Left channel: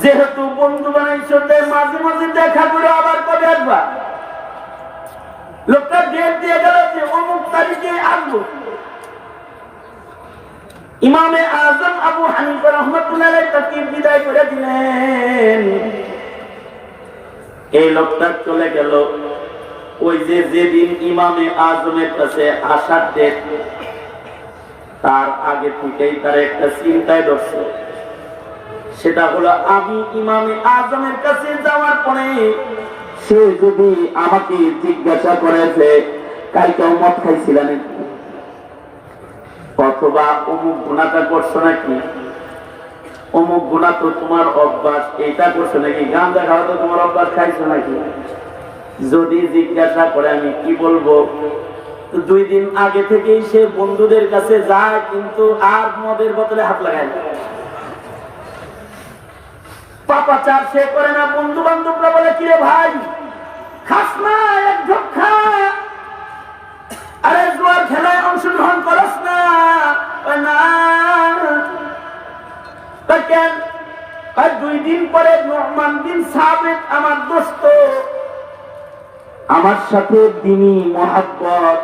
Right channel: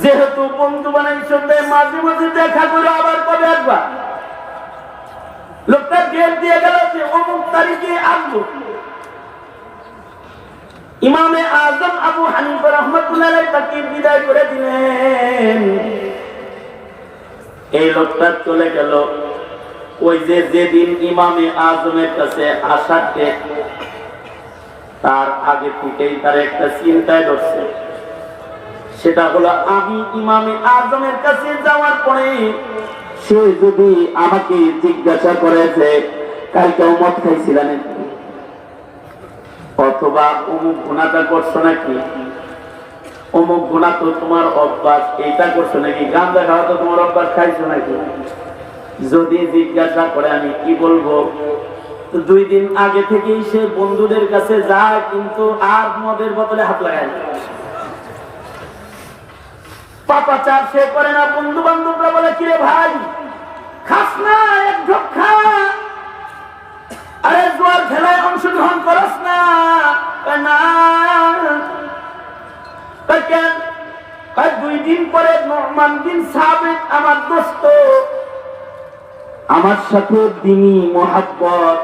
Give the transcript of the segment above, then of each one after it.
যেহেতু বন্ধু বানাইছো তাই মাঝে মাঝে দেখা করে আবার কবে আসবা। লোকটা ডেট দিয়ে গেল যে অমুক তারিখে আসবো। ইমামে আজম আবু হানিফা রাহমাতুল্লাহ আলাইহি তাকে বিদায় করে দিলেন। এই লোকটা চলে গেল। ওই যে যেদিন ইমামে আজমের কাছে আসার ডেট, তার আগে থেকেই তার একটা চিন্তায় ধরছে। সেটা হলো আমি ইমামে আজমের কাছে যাওয়ার পরে সে যদি আমাকে জিজ্ঞাসা করে যে কালকে মদ খাইছিল নাকি, অথবা অমুক গুণাটা করছো নাকি, অমুক গুণা তো তোমার অভ্যাস, এটা করছো নাকি, গাঁজা খাওয়া তো তোমার অভ্যাস, খাইছো নাকি, যদি জিজ্ঞাসা করে আমি কি বলবো? 2 দিন আগে থেকেই সে বন্ধুদের কাছে যায়, কিন্তু আর মদের বোতলে হাত লাগায় না, পাপাচার সে করে না। বন্ধু বান্ধবরা বলে কিরে ভাই খাস না, এক ঢোক খা, আরে জোয়ার খেলায় অংশগ্রহণ করস না, কেন? 2 দিন পরে নোমান বিন সাবিত আমার দোস্ত, আমার সাথে দিনী মোহাব্বত,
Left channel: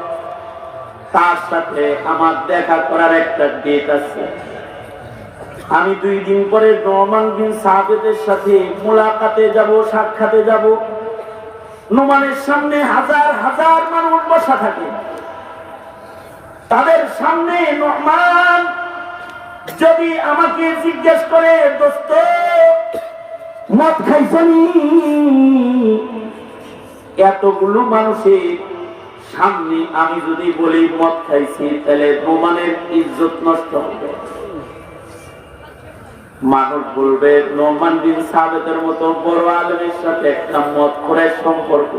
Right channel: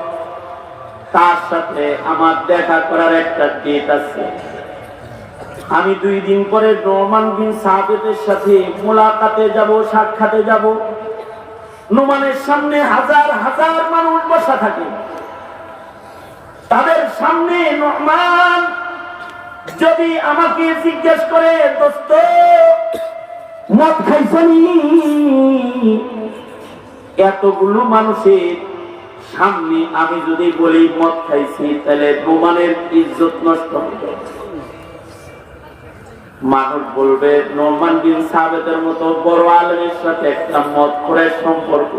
তার সাথে আমার দেখা করার একটা ডেট আছে। আমি 2 দিন পরে নোমান বিন সাবিতের সাথে মুলাকাতে যাব, সাক্ষাতে যাব। নোমানের সামনে হাজার হাজার মানুষ বসা থাকে। তাদের সামনে নোমান যদি আমাকে জিজ্ঞেস করে দোস্ত মদ খাইছনি, এতগুলো মানুষের সামনে আমি যদি বলি মদ খাইছি, তাহলে নোমানের ইজ্জত নষ্ট হবে। মানুষ বলবে নোমান বিন সাবিতের মতো বড় আলেমের সাথে একটা মদখোরের সম্পর্ক।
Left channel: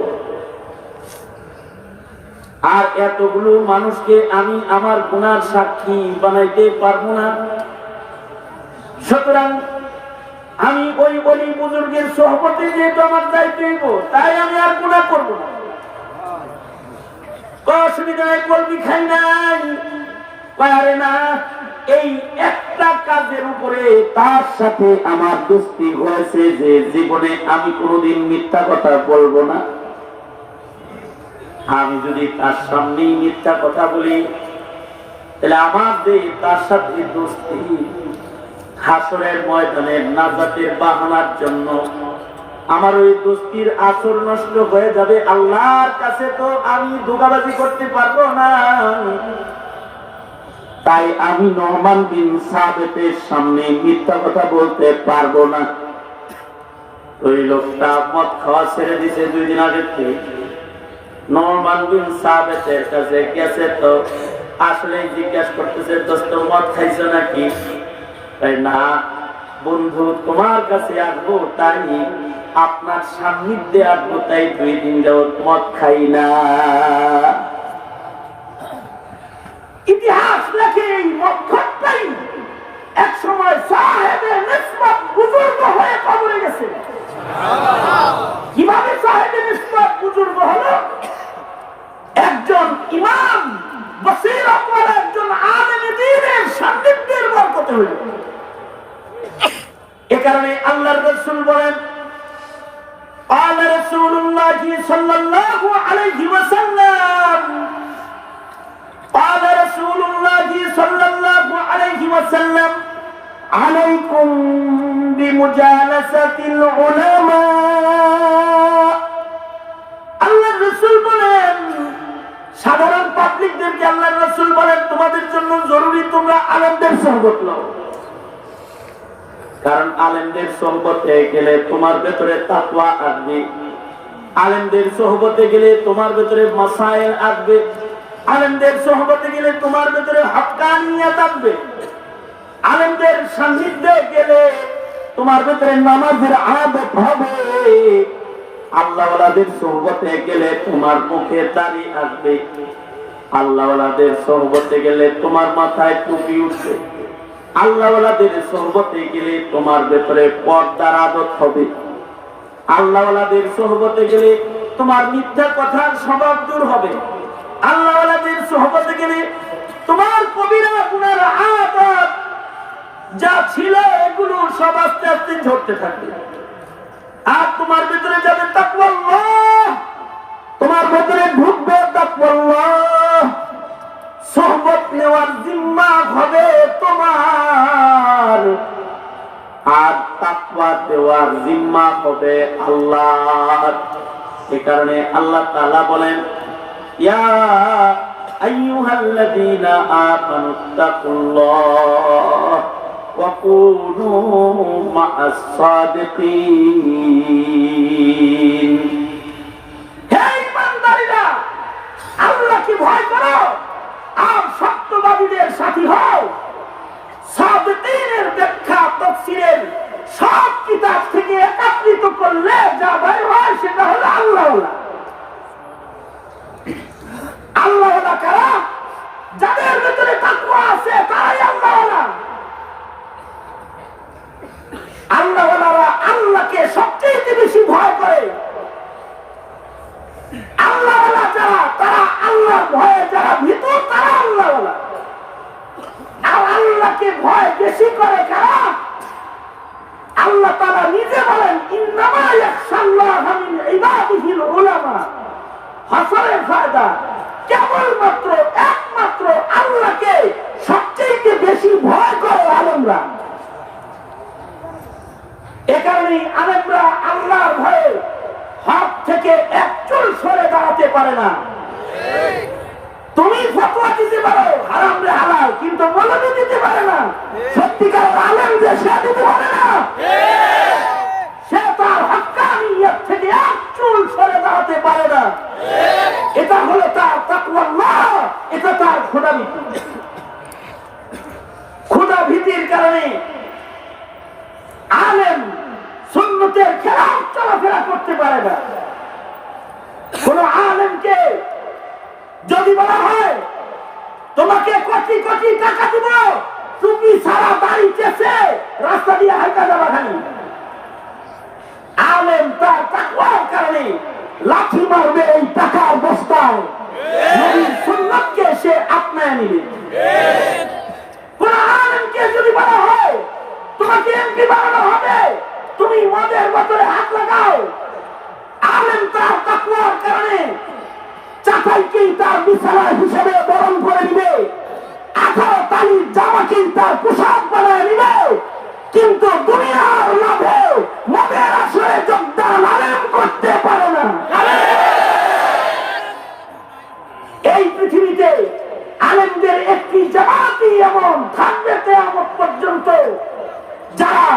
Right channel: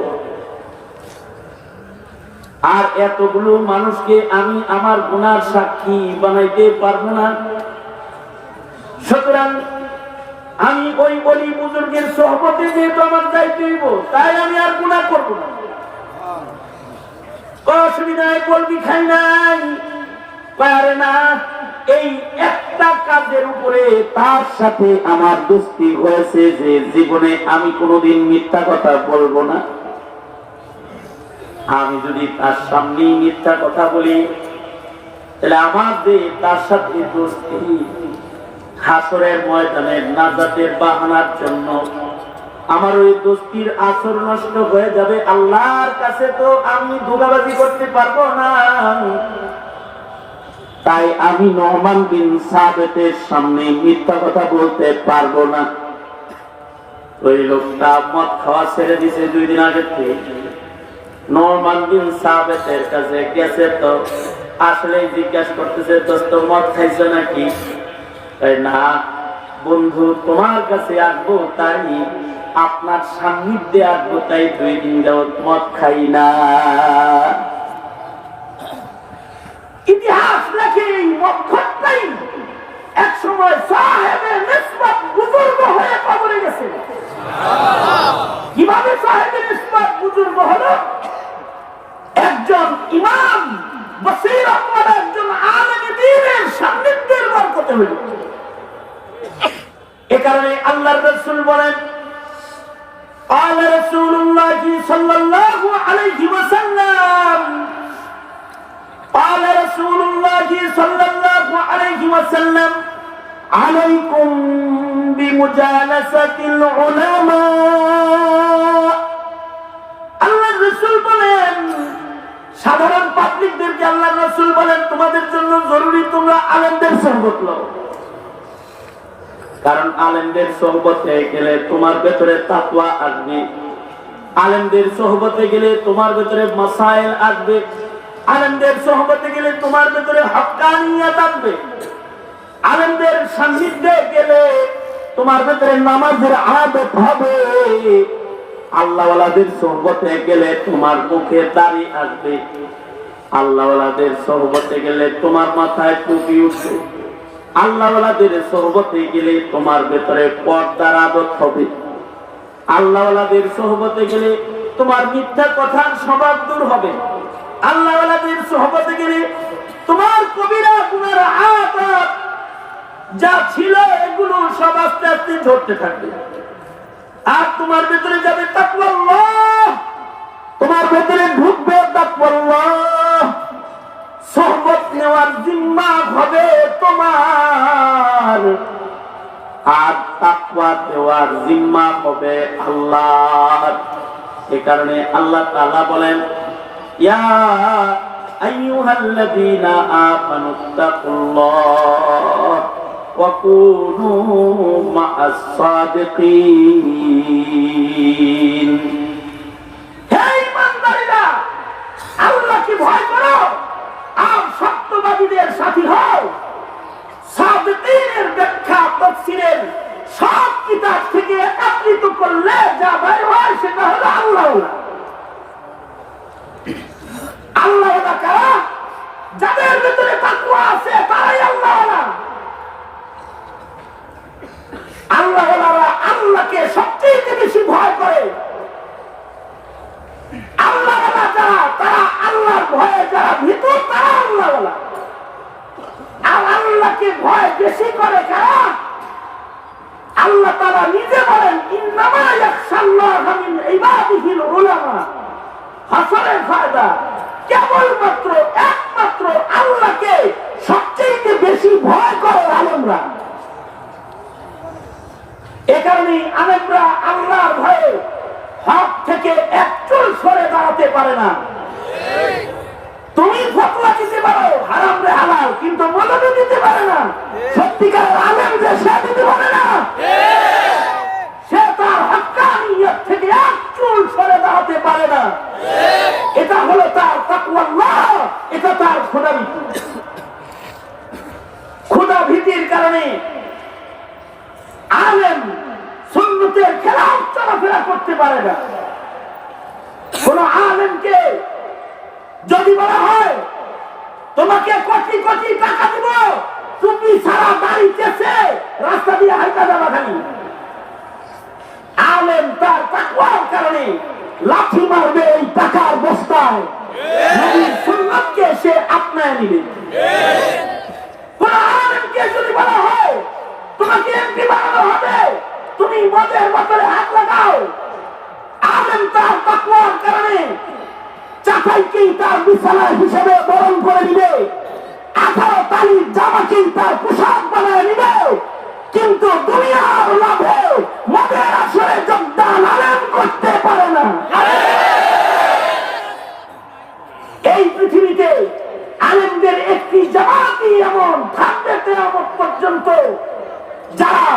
আর এতগুলো মানুষকে আমি আমার গুনার সাক্ষী বানাইতে পারবো না। সুতরাং আমি ওই ওলি বুজুর্গের সোহবতে যেহেতু আমার যাইতে হইব, তাই আমি আর গুনাহ করবো না। অসুবিধায় বলবি খাই নাই, আরে না, এই একটা কাজের উপরে তার সাথে আমার দোস্তি হয়েছে যে জীবনে আমি কোনোদিন মিথ্যা কথা বলবো না। আমি যদি তার সামনে মিথ্যা কথা বলি, তাহলে আমার যে তার সাথে দোস্তি হাসরের ময়দানে নাজাতের বাহানার জন্য আমার ওই দোস্তির আসর নষ্ট হয়ে যাবে। আল্লাহর কাছে তো আমি ধোঁকাবাজি করতে পারবো না। তাই আমি নোমান বিন সাবিতের সামনে মিথ্যা কথা বলতে পারবো না। ওই লোকটা মদ খাওয়া ছেড়ে দিছে 2 দিন আগে থেকে। নোমান বিন সাবিতের কাছে গেছে, তো আসলে জিজ্ঞাসা করতেছে দোস্ত মদ খাইছো নাকি? না বন্ধু, তোমার কাছে আসবো, তাই আপনার সান্নিধ্যে আসবো, তাই 2 দিন যাবত মদ খাই না। ইতিহাস লেখে এই মদখোরটাই এক সময় সাহেবে নিসবত বুজুর্গ হয়ে কবরে গেছে। কিভাবে সাহেবে নিসবত বুজুর্গ হলো? একজন ইমাম বসীরত ওয়ালা একজন আলেমে দ্বীনের সান্নিধ্যের বরকতে হইল। এ কারণে আল্লাহর রাসূল বলেন, قال رسول الله صلى الله عليه وسلم قال رسول الله صلى الله عليه وسلم عليكم بمجالسة العلماء। আল্লাহর রাসূল বলেন, সাধারণ পাবলিকদেরকে আল্লাহর রাসূল বলেন তোমাদের জন্য জরুরি তোমরা আলেমদের সুহবত নাও। কারণ আলেমদের সোহবতে গেলে তোমার ভেতরে তাকওয়া আসবে, আলেমদের সোহবতে গেলে তোমার ভেতরে মাসাইল আসবে, আলেমদের সোহবতে গেলে তোমার ভেতরে হক্কানিয়ত আসবে, আলেমদের সান্নিধ্যে গেলে তোমার ভেতরে নামাজের আদত হবে, আল্লাহওয়ালাদের সোহবতে গেলে তোমার মুখে দাড়ি আসবে, আল্লাহওয়ালাদের সোহবতে গেলে তোমার মাথায় টুপি উঠবে, আল্লাহওয়ালাদের সোহবতে গেলে তোমার ভেতরে পর্দার আদত হবে, আল্লাহওয়ালাদের সোহবতে গেলে তোমার মিথ্যা কথার স্বভাব দূর হবে, আল্লাহওয়ালাদের সোহবতে গেলে তোমার কবিরা গুনার আদত যা ছিল এগুলো সব আস্তে আস্তে ঝরতে থাকবে। আর তোমার ভিতরে যাবে তাকওয়াল্লাহ, তোমার ভিতরে ঢুকবে তাকওয়াল্লাহ। সোহবত নেওয়ার জিম্মা হবে তোমার, আর তাকওয়া দেওয়ার জিম্মা হবে আল্লাহর। এই কারণে আল্লাহ তাআলা বলেন, ইয়া আইয়ুহাল্লাযীনা আমানুত্তাকুল্লাহ ওয়া কুনু মা'আস সাদিকিন। হে ঈমানদাররা, আল্লাহকে ভয় করো আর সত্যবাদীদের সাথী হও। সাদিকিনের ব্যাখ্যা তাফসীরের সব কিতাব থেকে একত্রিত করলে যা বের হয় সেটা হলো আল্লাহওয়ালা। আল্লাহওয়ালা কারা? যাদের ভিতরে তাকওয়া আছে তারাই আল্লাহওয়ালা। আল্লাহওয়ালারা আল্লাহকে সবচেয়ে বেশি ভয় করে। আল্লাহওয়ালা যারা, তারা আল্লাহর ভয়ে যারা ভীত, তারা আল্লাহওয়ালা। আর আল্লাহকে ভয় বেশি করে কারা? আল্লাহ তাআলা নিজে বলেন, ইন্নামা ইয়াখশাল্লাহা মিন ইবাদিহিল উলামা। হাসরের ফায়দা, কেবলমাত্র একমাত্র আল্লাহকে সবচেয়ে বেশি ভয় করে আলেমরা। এ কারণেই আলেমরা আল্লাহর ভয়ে হক থেকে এক চুল সরে দাঁড়াতে পারে না। তুমি ফতোয়া দিতে পারো হারাম রে হালাল, কিন্তু মৌলবি দিতে পারে না। সত্যিকারের আলেম যে সে দিতে পারে না, সে তার হক্কানিয়ত থেকে এক চুল সরে দাঁড়াতে পারে না। এটা হলো তার তাকওয়াল্লাহ, এটা তার খোদাভীতি। খোদাভীতির কারণে আলেম সুন্নতের খেলাফ চলাফেরা করতে পারে না। কোন আলেমকে যদি বলা হয় তোমাকে কোটি কোটি টাকা দিব, তুমি সারা বাড়ি চেষে রাস্তা দিয়ে হাইটা যাবা খালি, আলেম তার তাকওয়ার কারণে লাঠি মারবে এই টাকার বস্তায়, নবীর সুন্নাতকে সে আপনায় নিবে। কোন আলেমকে যদি বলা হয় তোমাকে এমপি বানানো হবে, তুমি মদের বোতলে হাত লাগাও, আলেম তার তাকওয়ার কারণে চাটাইকেই তার বিছানা হিসেবে বরণ করে নিবে, 18 তালির জামাকেই তার পোশাক বানায় নিবে। কিন্তু দুনিয়ার লাভে মদের আসরে যোগদান আলেম করতে পারে না। এই পৃথিবীতে আলেমদের একটি জামাতই এমন থাকবে কিয়ামত পর্যন্ত, যারা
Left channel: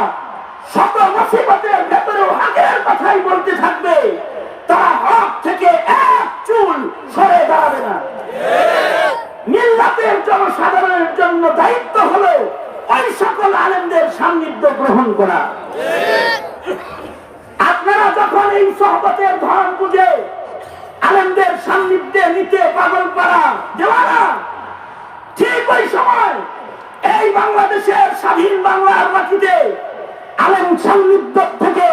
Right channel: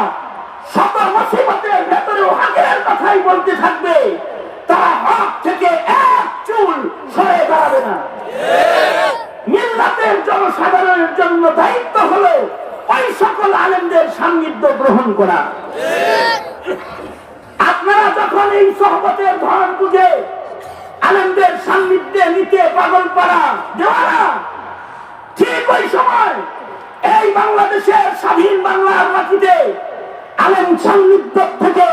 শত মুসিবতের ভেতরেও হকের কথাই বলতে থাকবে, তারা হক থেকে এক চুল সরে দাঁড়াবে না। মিল্লাতের জনসাধারণের জন্য দায়িত্ব হলো ওই সকল আলেমদের সান্নিধ্য গ্রহণ করা। আপনারা যখন এই সোহবতের ধন বুঝে আলেমদের সান্নিধ্যে নিতে পাগল পাড়া দেওয়ানা, ঠিক ওই সময় এই বাংলাদেশের স্বাধীন বাংলার মাটিতে আলেম সান্নিধ্য থেকে,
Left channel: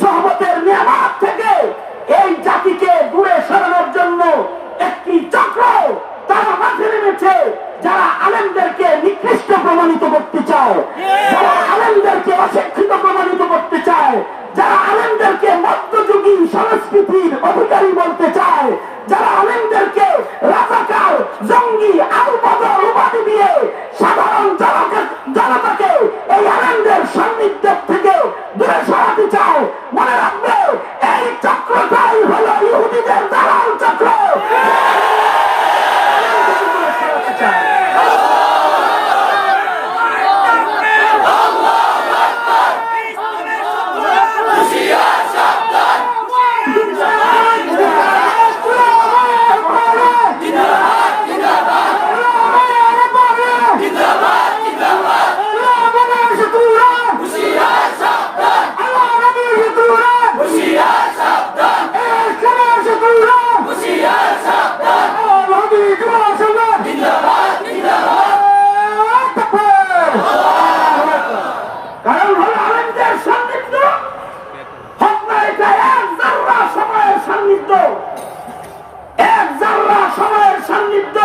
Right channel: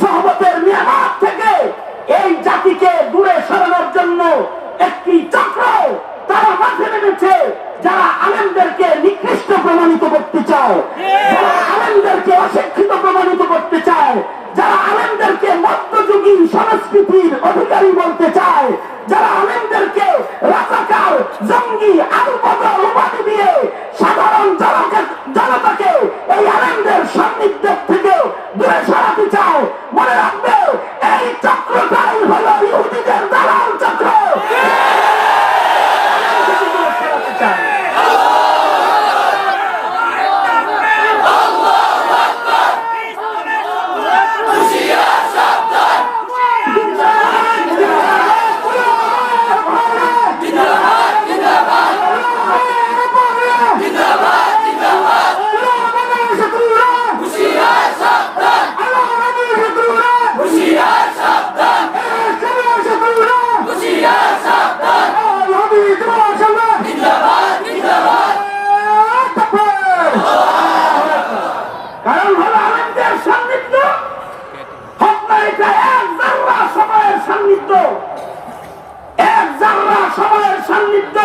সোহবতের নিয়ামত থেকে এই জাতিকে দূরে সরানোর জন্য একটি চক্র তারা মাঠে নেমেছে, যারা আলেমদেরকে নিকৃষ্ট প্রমাণিত করতে চায়, যারা আলেমদেরকে অশিক্ষিত প্রমাণিত করতে চায়, যারা আলেমদেরকে মধ্যযুগী সংস্কৃতির অধিকারী বলতে চায়, যারা আলেমদেরকে রাজাকার, জঙ্গি, আবু বকর উপাধি দিয়ে সাধারণ জনতাকে এই আলেমদের সান্নিধ্য থেকে দূরে সরাতে চায়, মনে রাখবে এই চক্রটাই হলো ইহুদিদের দালাল চক্র। কারণ হলো আলেমদের সান্নিধ্য হক না, এটা এক জাররা সময়ের সান্নিধ্য, এক জাররা সময়ের সান্নিধ্য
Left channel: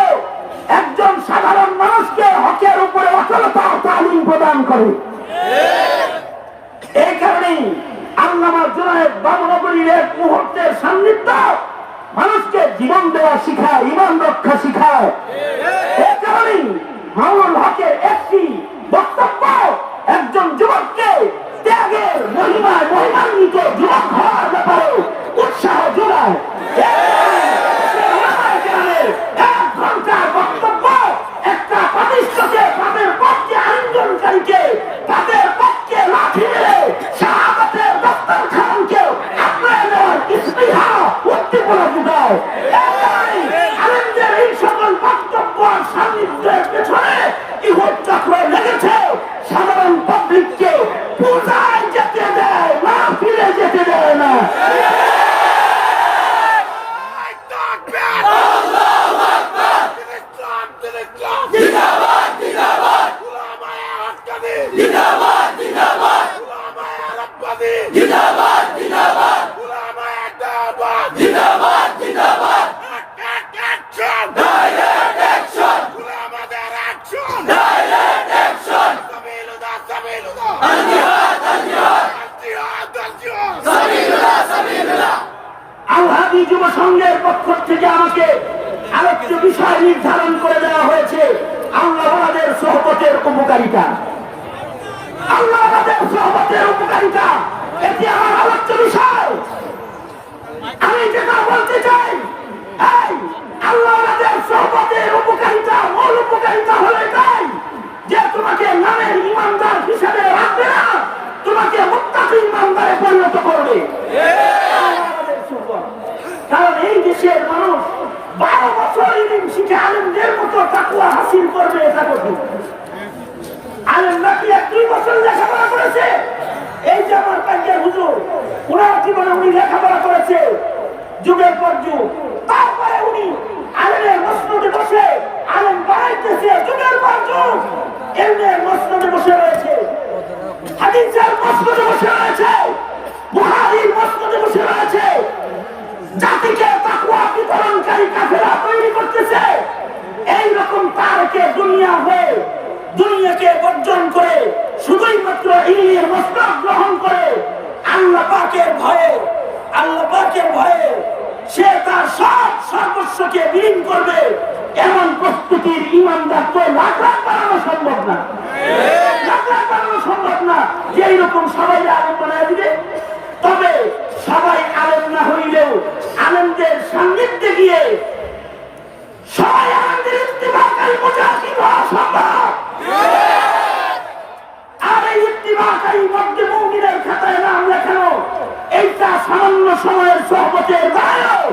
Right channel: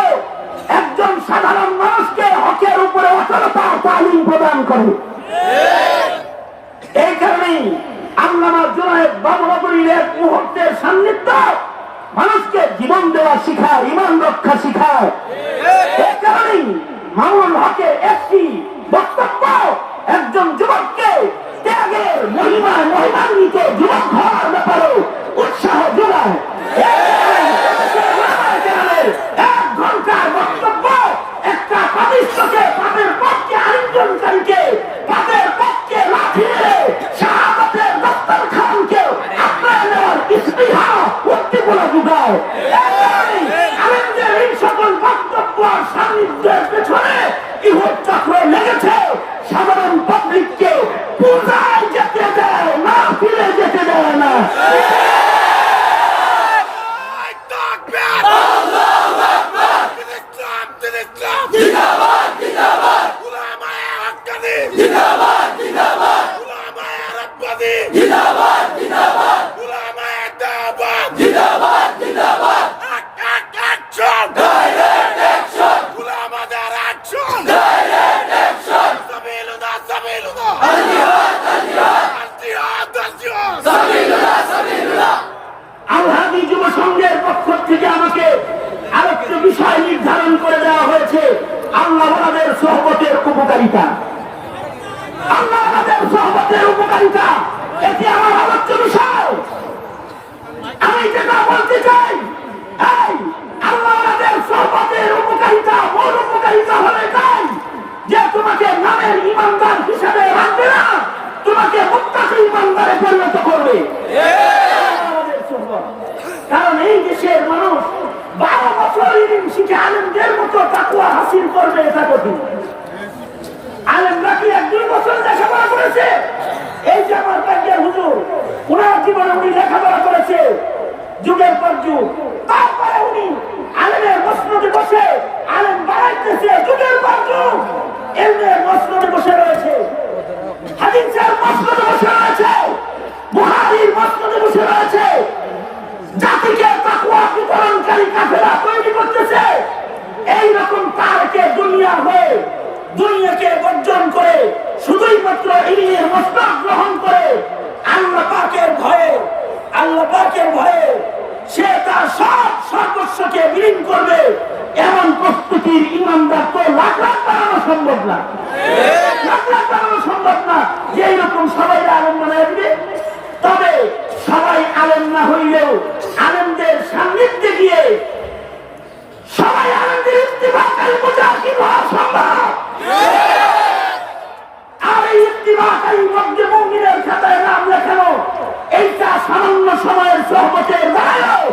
একজন সাধারণ মানুষকে হকের উপরে অচলতার তালিম প্রদান করে। এই কারণেই আল্লামা জুনায়েদ বাবুনগরীর এক মুহূর্তের সান্নিধ্য মানুষকে জীবন দেওয়া শিখায়, ইমান রক্ষা শিখায়। এই কারণেই মামুনুল হকের একটি বক্তব্য একজন যুবককে ত্যাগের মহিমান্বিত যুবক হওয়ার ব্যাপারে উৎসাহ যোগায়। এক ঘন্টা বক্তব্য একটা পাপিষ্ঠকে, পাপের পক্ষে আলিঙ্গনকারীকে, পাপের পক্ষে লাঠি মেরে শাহাদাতের দস্তরখানকে আপনার নেওয়ার ইস্তিহা উদ্দীপনা যোগায়। আলেমদের এই সকল বক্তব্য সান্নিধ্যের পেছনে ইহুদ চক্র লেগেছে সাধারণ পাবলিককে পূজায় যেতে দেয় না, ফিরে যেতে দেয় না। আলহাদি যুব সংঘের পক্ষ থেকে আমাকে আরেকটি বিষয় নির্ধারণ করে দেওয়া হয়েছে, আল্লাহ আমাদের সহবতের উপকারিতা। আল্লাহ আমাদের সহবতের উপকারিতা, এটি আমার আলোচ্য বিষয়। আমি যেটা বলতে চাই, এই আল্লাহ আমাদের সহবতের উপকারিতা, মূল উপকারিতা হলে তাই যে তোমাকে নামের ইমানদার হিসেবে রাখবে না, তোমাকে মুত্তাকি ইমানদারে পরিণত করবে। কারণ এই দেশের মানুষ 12 বছর ইলম শিখে আলেমদের মতো তাকওয়া হাসিল করবে, এটা কঠিন। আলেমরা কি 1-2 বছর লেখাপড়া করেছে? এই যে আমার পাঞ্জার হুজুর, উনার জীবনে উনি লেখাপড়া করেছে যুগের পর যুগ, তারপরে উনি আলেমের মসনদে বসে আলেম বাড়াইতেছে যুগের পর যুগ। ইলমের মসনদে বসে রয়েছে, হাদিসের মসনদে বসে রয়েছে, বুখারীর মসনদে বসে রয়েছে, জাতিকে তাকওয়া বিতরণকারী কাফেলা তৈরি করতেছে। এইরকম তারকে দুনিয়া হয়ে দুনিয়াকে বর্জন করে শুধুই মাত্র ইলমের মসনদ গ্রহণ করে আল্লাহ পাকের ভয়ে সে তার সব সর্বস্বকে বিলীন করবে, এমন প্রস্তুতির ইমানদার তো লাখ লাখ বানানো সম্ভব না, লাখ লাখ বানানো সম্ভব না যে এইরকম সবাই আলেম বানায় দিবে। তবে সবাই আলেম না হইলেও আলেমদের সান্নিধ্যে গিয়ে সবাই আলেমদের ইত্তিবাকারী মুজাহিদ হওয়া সম্ভব। আর এই ইত্তিবাকারী মধ্যে মুমিনের খাতায় নাম লেখানো, এইটা সামান্য সময়ের সহবতের দায়ও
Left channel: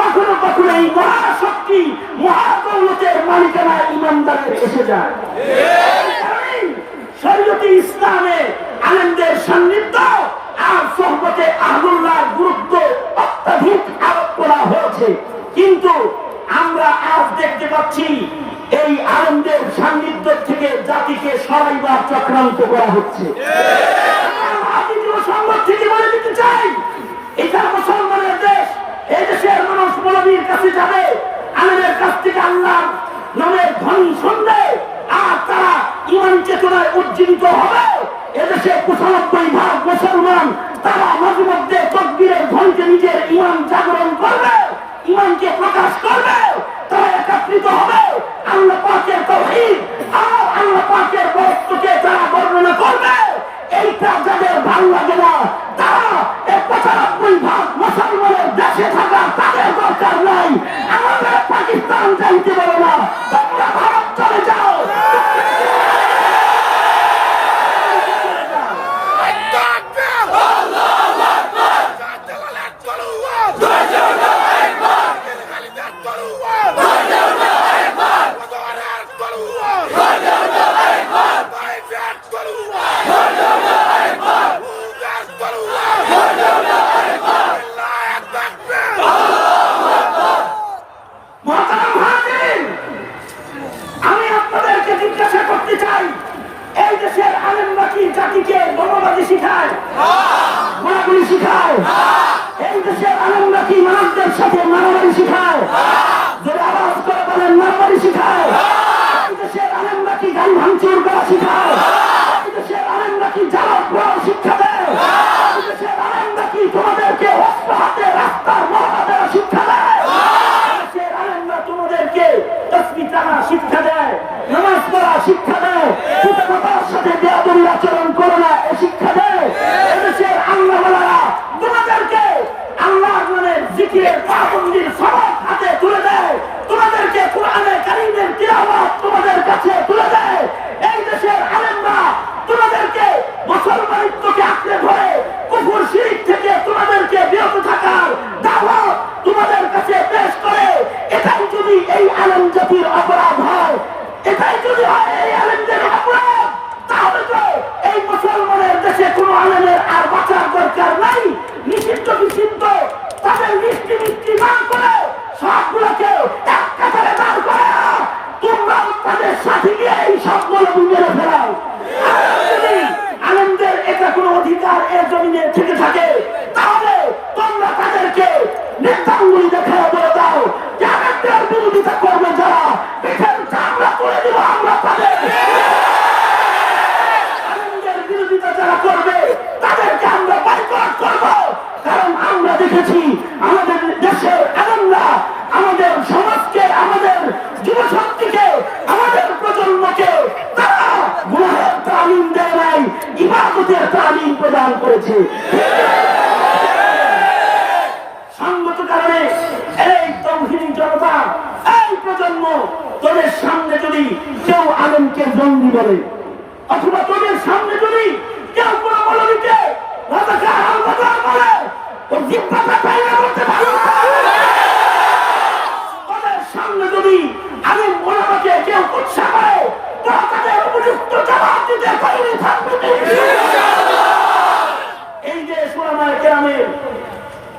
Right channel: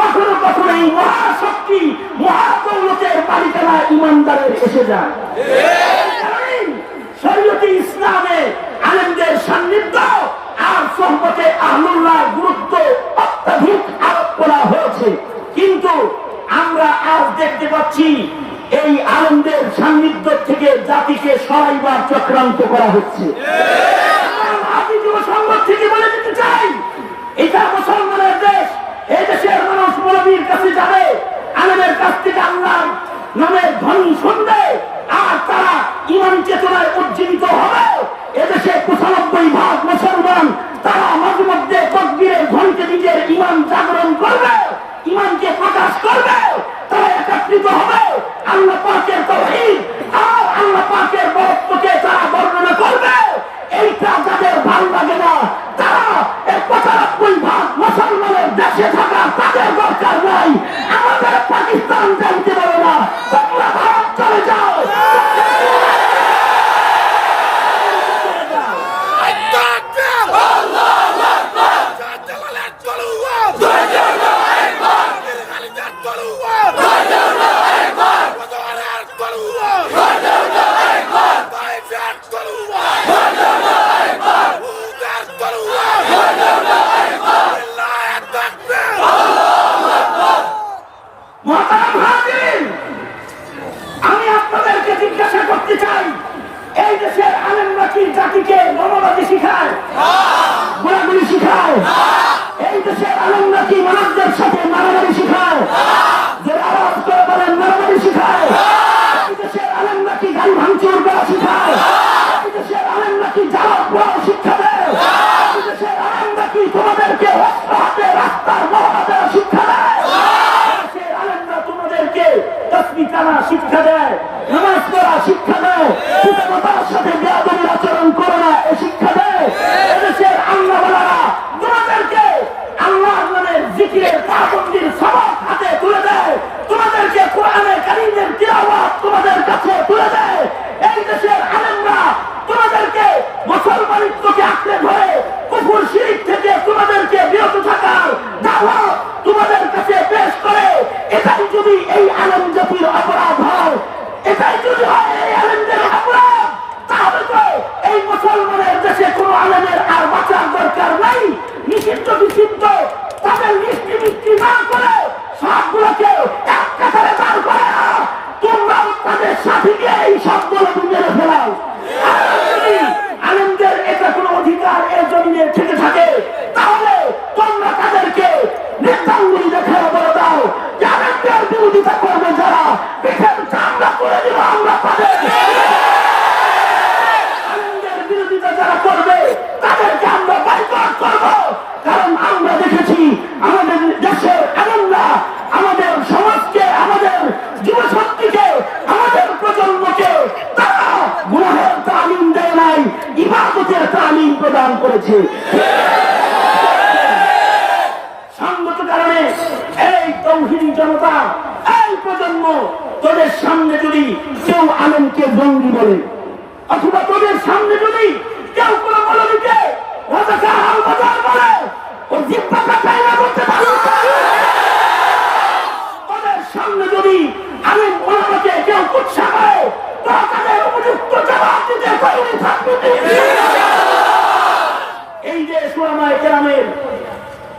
কখনো কখনো এই মহাশক্তি মহাদৌলতের মালিকানা ইমানদারের এসে যায়। শরীয়তে ইসলামে আলেমদের সান্নিধ্য আর সহবতে আহলুল্লাহর গুরুত্ব অত্যাধিক আরোপ করা হয়েছে, কিন্তু আমরা আজ দেখতে পাচ্ছি এই আলেমদের সান্নিধ্য থেকে জাতিকে সরাইবার চক্রান্ত করা হচ্ছে। সংবাদ থেকে বলে দিতে চাই, এটা মুসলমানের দেশ, এই দেশের মানুষ মৌলবীর কাছে যাবে, আলেমের কাছ থেকে আল্লাহর নামের ধ্বনি শুনবে, আর তারা ইমান চেতনায় উজ্জীবিত হবে। এদেশে 95% মুসলমান, তারা মাঝে মধ্যে তাকবীরের ধ্বনিতে নিজের ইমান জাগরণ করবে, ইমানকে প্রকাশ করবে, তারা একত্রিত হবে, আল্লাহ পাকের তাওহীদ আর আল্লাহ পাকের বরত্বকে তারা বর্ণনা করবে। শিক্ষা দেয়, এদেশের আল্লাহওয়ালারা তোমাদেরকে আল্লাহ মানে জিকিরের পাবন্দির সবক হাতে তুলে দেয়, তোমাদেরকে কোরআনে কারীমের তিলাওয়াত তোমাদের কাছে তুলে দেয়। এই দেশের আলেমরা তোমাদেরকে মুসলমানিত্বকে আঁকড়ে ধরে কুফর শিরক থেকে তোমাদেরকে বিরত থাকার দাওয়াত তোমাদের কাছে পেশ করে। এটাই যদি এই আলেম জাতির অপরাধ হয়, এটাই যদি হয় এই আলেমদের অপরাধ, তাহলে তো এই মুসলমানের দেশে কোনো আলেমের আর বাঁচার দরকার নাই। নিষিদ্ধ নিষিদ্ধ তাদের মিষ্টি মিষ্টি না করে সবগুলোকে এক কাতারে দাঁড় করে তোমরাও তাদের সাথে গিয়ে এই সবগুলো মেরে ফেলাও। যদি আলেমদের এটা কোনো অধিকার এর জমিনে থেকে থাকে, তাহলে তোমরা তাদেরকে নেতাঙ্গুলি দেখে বলে দাও যে আলেমদের বিরোধিতা করবে যারা, পেটের চামড়া তুলে দিব আমরা তাদের। আলেমদের বিরোধিতা যারা করবে তাদেরকে আমরা বয়কট করব। কারণ আমরা দেখেছি আমাদের দেশের আলেমরা আমাদের সমাজকে, আমাদের যুবশক্তিকে, আমাদের প্রজন্মকে তারা গুনাহের তালিম দেয় নাই, ইবাদতের তালিম প্রদান করেছে। সঙ্গত কারণে এই তৌহিদি জনতা, এই প্রজন্ম, তোদের সামনে যদি কেউ আলেমকে জঙ্গি বলে, অথবা তোদের সামনে যদি কেউ কোনো মৌলবীকে রাজাকার হামলাদার বলে, ওর জিহ্বাটা চাইনা করতে পারবে। ওদের সামনে যদি আলেম ওলামাকে কেউ কুৎসা করে, তোরা তাদের উপযুক্ত জবাব দিতে তৈরি থাকবে। এই যে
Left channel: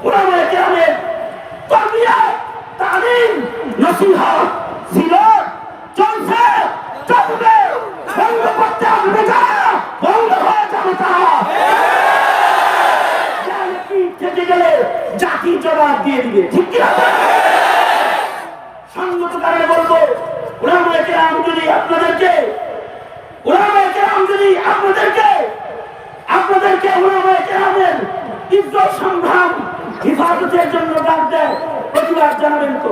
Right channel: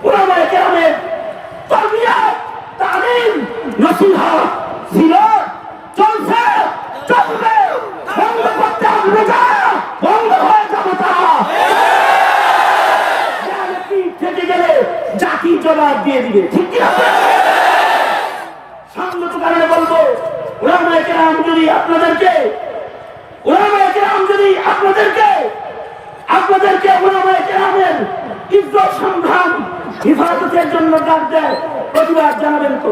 উলামায়ে কেরামের তারবিয়াত, তালিম, নসিহত, সিরাত চলছে, চলবে, বন্ধ করতে আসবে যারা, বন্ধ হয়ে যাবে তারা। থেকে গেলে জাতি জবাব দিয়ে দিবে, ঠিক কিনা? সঙ্গত কারণে বলবো, উলামায়ে কেরাম যদি আপনাদেরকে উলামায়ে কেরামের ইজ্জত সম্মান হিফাজতের জন্য ডাক দেয়, প্রতিবাদ জানাবেন তো?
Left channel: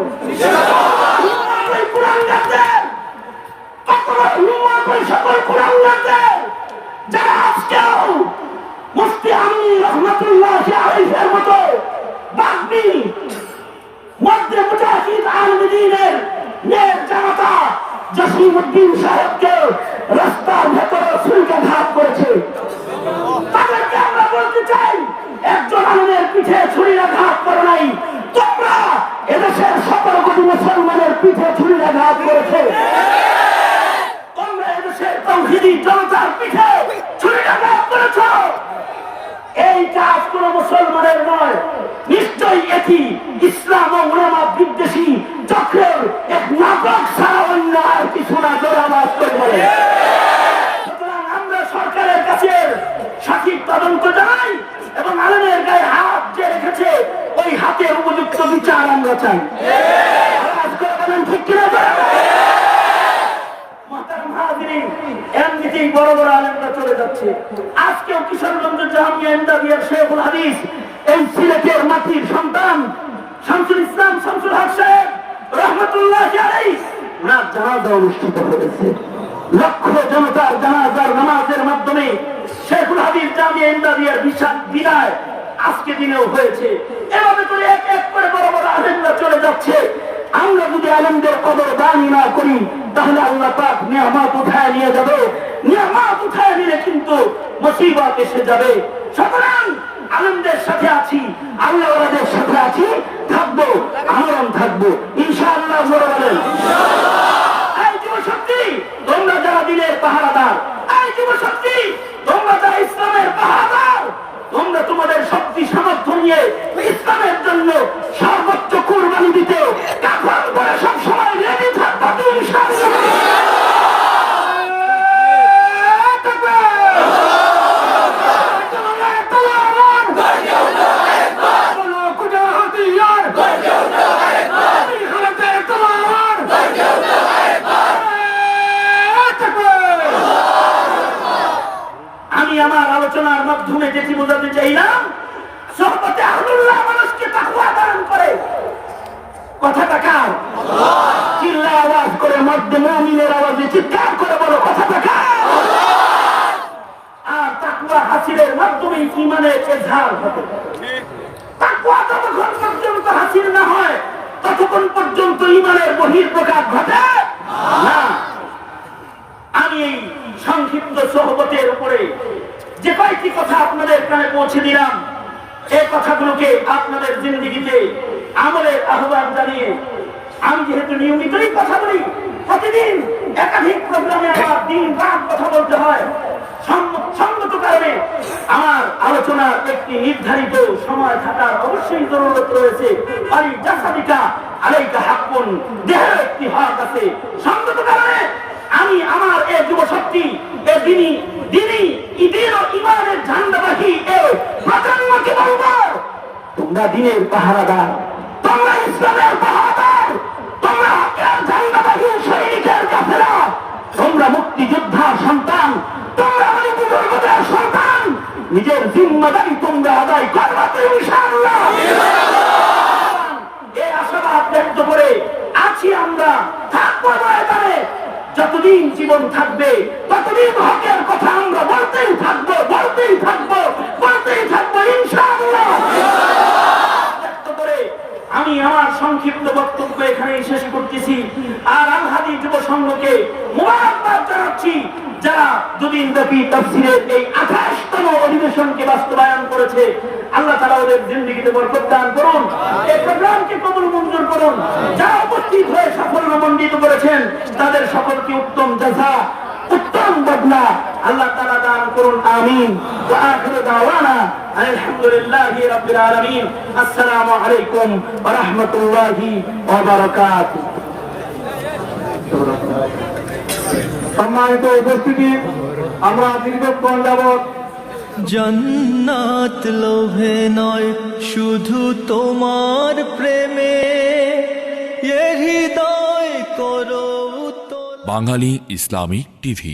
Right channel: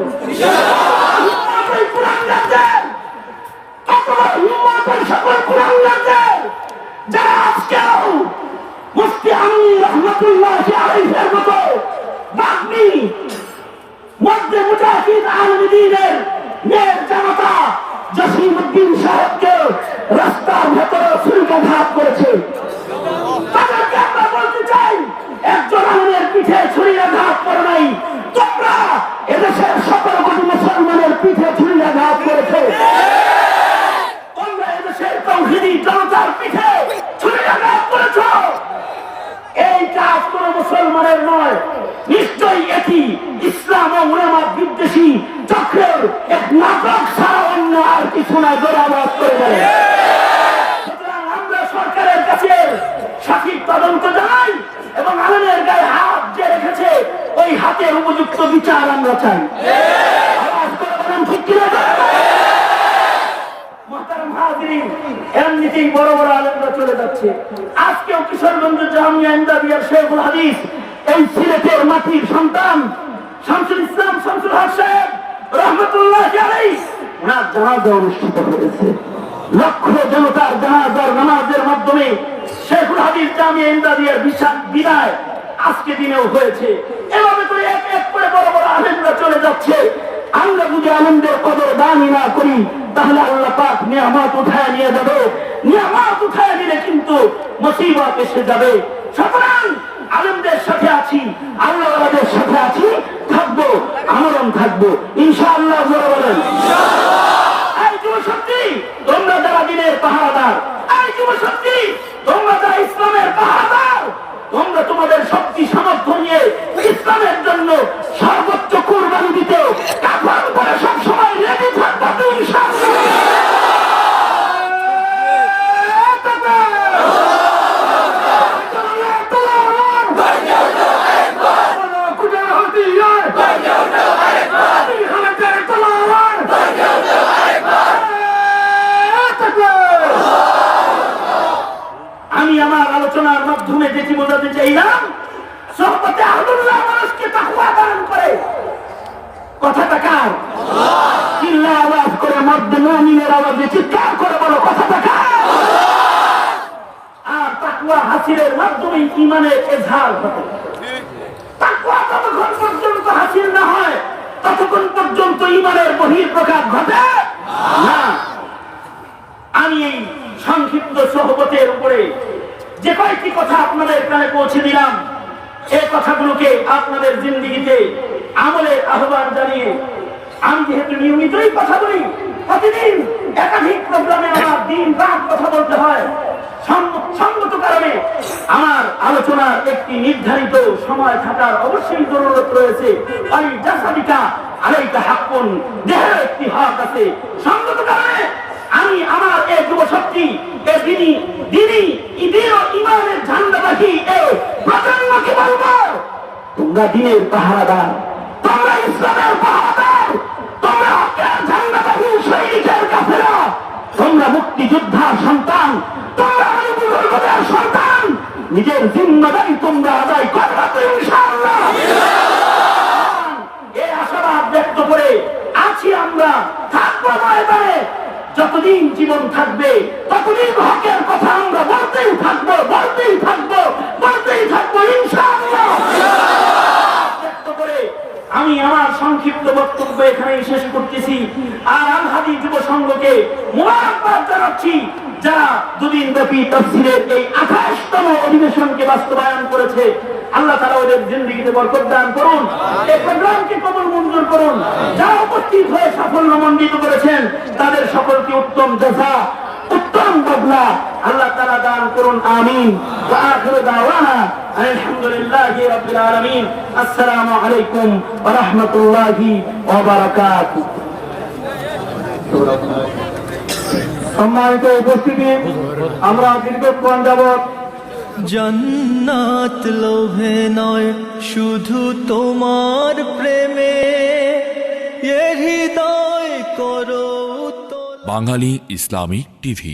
সকল কুলাঙ্গারদের যারা আজকেও মুফতি আমিনী রহমাতুল্লাহি আলাইহির মতো বাগ্মী মধ্যে মুজাহিদ আল-দ্বীনের মেয়ের জামাতা জসিমউদ্দিন সাহেবকে রাস্তার ভেতরে ছুরিকাঘাত করেছে, তাদেরকে আমরা বলতে চাই, একজন আলেমের পিঠে ছুরিকাঘাত করে নাই, তোমরা এদেশের 17 কোটি মুসলমানের পিঠে ছুরিকাঘাত করেছে। তোমরা এদেশের তৌহিদি জনতার পিঠে ছুরিকাঘাত করেছ। এই কাজ কোন মুসলমানের নয়, নিশ্চয়ই এটি ইসলাম ও উলামা বিদ্বেষী চক্রের এক নাটক ছাড়া অন্য আর কিছু না। জোরাবাদ করে দেবে। সুতরাং আমরা সরকারের কাছে সঠিক তদন্ত জানাই এবং আলেমের গায়ে হাত যে রেখেছে ওই হাতের উপযুক্ত বিচার আমরা চাই। আওয়াজ করে বলেন ঠিক কিনা? মুহতারাম হাজিরিন, এমনিতেই বড় বড় আলেমরা চলে যাচ্ছে। আজকেও কিশোরগঞ্জ জামিয়া ইমদাদিয়ার শেখুল হাদিস, এই সিলেটের মাটির সন্তান শামসুল ইসলাম শামসুল হক সাহেব রহমতুল্লাহি আলাইহি, ওনার জানাজা অনুষ্ঠিত হয়েছে। লক্ষ জনতার জানাজার নামাজের মাধ্যমে শেখুল হাদিস জামিয়া ইমদাদিয়ার বিদায় আজকে দিনেও হয়েছে। এভাবে করে এক এক করে বড় বড় আলেমরা চলে যাচ্ছে। আমরা যদি আলেমদের কদর দান না করি, তাহলে আল্লাহ পাক নিয়ামত উঠায় নিয়ে যাবে। নিয়ামত উঠায় নিলে কিন্তু মুসিবত এসে যাবে। সুতরাং আলেমদের সাথে আছি, আল্লাহওয়ালাদের সাথে আছি, থাকবো, আমরণ থাকবো ইনশাআল্লাহ। জোরে বলেন এই যুবশক্তি, তোমরা যারা দিনের পাহারাদার, এই যুবশক্তি তোমরা যারা ইসলামের পাহারাদার, তোমরা তোমাদের শক্তি সামর্থ্য নিয়ে ইসলামের জন্য সর্বোচ্চ কুরবানি দিতে কাফন করে সবসময় রেডি থাকবে ইনশাআল্লাহ। আমি আমার আলোচনার মাধ্যমে যেটি বোঝাতে চাইলাম, সোহবতে আহলুল্লাহ মানুষকে তাকওয়া দান করে। কথাটা কার? চিল্লা আওয়াজ করে মধ্যে মুমিনের আওয়াজে চিৎকার করে বলো, কথাটা কার? আর তাকওয়া হাসিলের মাধ্যমে ঈমানের ইজহার ঘটে। তাকওয়া যতক্ষণ পর্যন্ত হাসিল না হয় ততক্ষণ পর্যন্ত ঈমানের বহিঃপ্রকাশ ঘটে না। আমি এই সংক্ষিপ্ত সোহবতের উপরে যে কয়েকটি কথা আপনাদের কানে পৌঁছে দিলাম, এই কথাগুলোকে আপনাদের জিন্দেগিতে আমলের আহ্বান জানিয়ে, আমি যেহেতু নিয়মিতই কথা বলি, প্রতিদিন একাধিক প্রোগ্রামে আমার দিন রাত কথা বলতে হয়, সঙ্গত কারণে আমার আলোচনার একটি নির্ধারিত সময় থাকার অবশ্যই জরুরত রয়েছে। আলী জাসাদিকা আলাইকা হাক্কুন, দেহের একটি হক আছে। সঙ্গত কারণে আমি আমার এই যুব শক্তি, এই দিনী ঈদের ও ঈমানের ঝান্ডাবাহী এই প্রজন্মকে বলবো, তোমরা দিনের পাহারাদার, তোমরা ইসলামের পাহারাদার, তোমরা হকের ঝান্ডাবাহী সৈনিকের কাফেরা, তোমরা মুক্তিযোদ্ধার সন্তান, তোমরা অলি বুজুর্গদের সন্তান। নিজের জিম্মাদারি তোমরা আদায় করবা তো ইনশাআল্লাহ। এই আশাবাদ ব্যক্ত করে আছি আমরা, থাকবো ময়দানে। যতদিন জীবন থাকবে ততদিন হকের কথা আমরা বলতেই থাকবো, বলতেই থাকবো, বলতেই থাকবো ইনশাআল্লাহ। ব্যক্ত করে আমি আমার সংক্ষিপ্ত বক্তব্য এখানে শেষ করতেছি। আর আলহাদি যুব সংঘকে মোবারকবাদ জানাচ্ছি, যারা দুদিন ব্যাপী তাফসীরের এই 28তম অধিবেশনকে বাস্তবায়ন করেছে। আল্লাহ তাআলা ওদের জিন্দেগিতে বরকত দান করুন, এই প্রোগ্রামকে কবুল মঞ্জুর করুন। যারা উপস্থিত হয়ে সাফল্যমণ্ডিত করেছেন তাদের সকলকে উত্তম জাযা, উত্তম বদলা আল্লাহ তাআলা দান করুন, আমিন। ওয়া আখিরু দাওয়ানা আলহামদুলিল্লাহি রাব্বিল আলামিন। আসসালামু আলাইকুম ওয়া রাহমাতুল্লাহি ওয়া বারাকাতুহু। সম্মানিত উপস্থিতি, আমরা দীর্ঘক্ষণ যাবৎ জান্নাত লোভে নয় শুধু তোমার প্রেমে, এ হৃদয় করো বাঙালি ইসলামিক টিভি।